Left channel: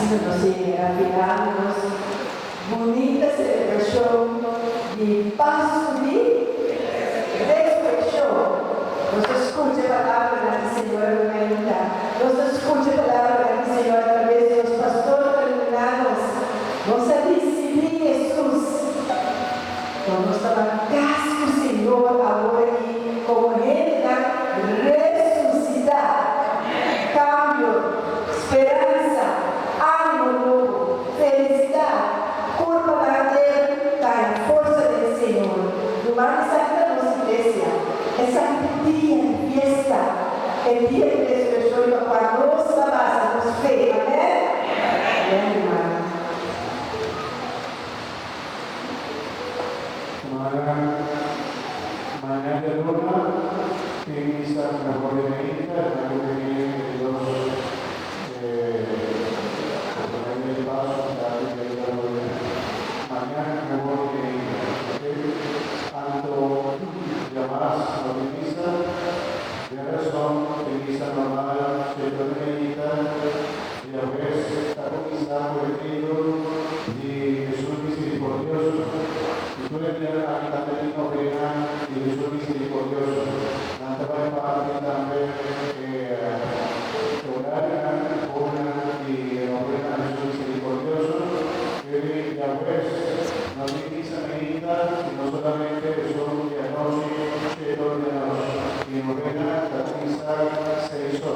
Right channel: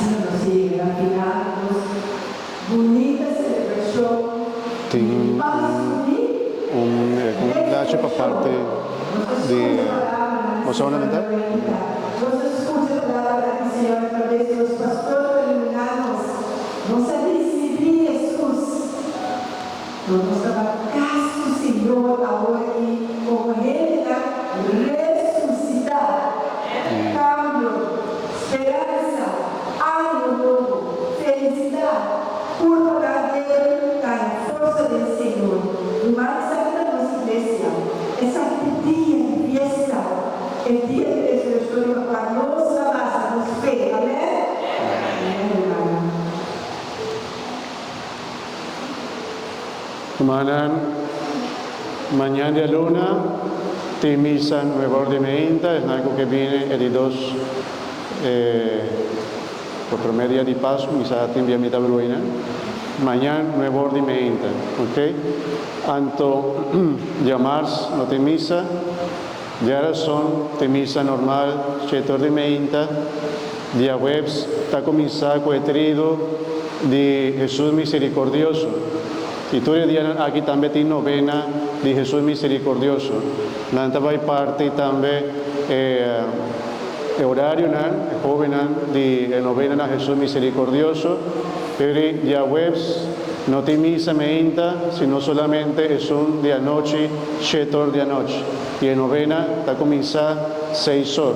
assim nos afirmamos, bonita celebração e passo lascio per parte Lo solamente. Nos escucha a palavra do Senhor através dos pastores terminanos. Nos recebi Jesus. Nós trabalhamos com o Senhor agora aqui como Ele ressuscitar. Cambio, esperança, ânimo novo, felicidade. Culpa lá dele, a força do Senhor. No mais santa da nossa igreja. Essa dia de fiesta. El día de expresión para nuestra base, nos fe, amén. Amén, hermana. Mañana de luna, te misa nueva ordinamenta, es algo que viene el 2 por media di Pasqua, misa in via Vita Bruina. Mañana nueva ordinamenta, ok? Anto llamarse no te misa. Ya son de misa normal, chetor de meinta, dia webs, está comenzado con el trido de Jesús misericordioso. Y tú le dirás aquí también tiene novena de Jesús misericordioso. Nanta va parte también horario, joven de novena de Jesús misericordioso. Pero dia webs no te misa meinta, sino solamente Jesús de anoche, chetor de anoche. Y en novena está comenzando 6 horas.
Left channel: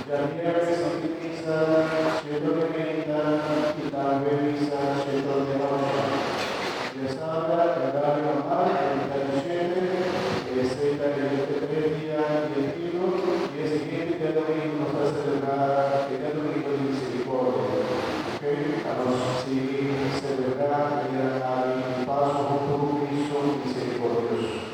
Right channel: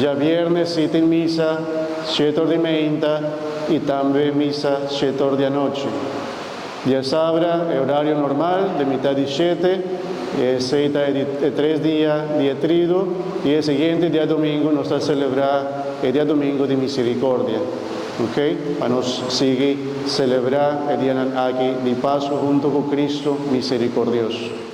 Ya viernes sí tem misa, 7 de meinta y también misa 7 de anoche. Ya sabra, el horario normal de mitad de 7, 6 de 3 días de trido y el siguiente día domingo nos va a celebrar el día domingo de misericordia. ¿Ok? Para nos seguir celebrar el día aquí de paso junto con Cristo misericordioso.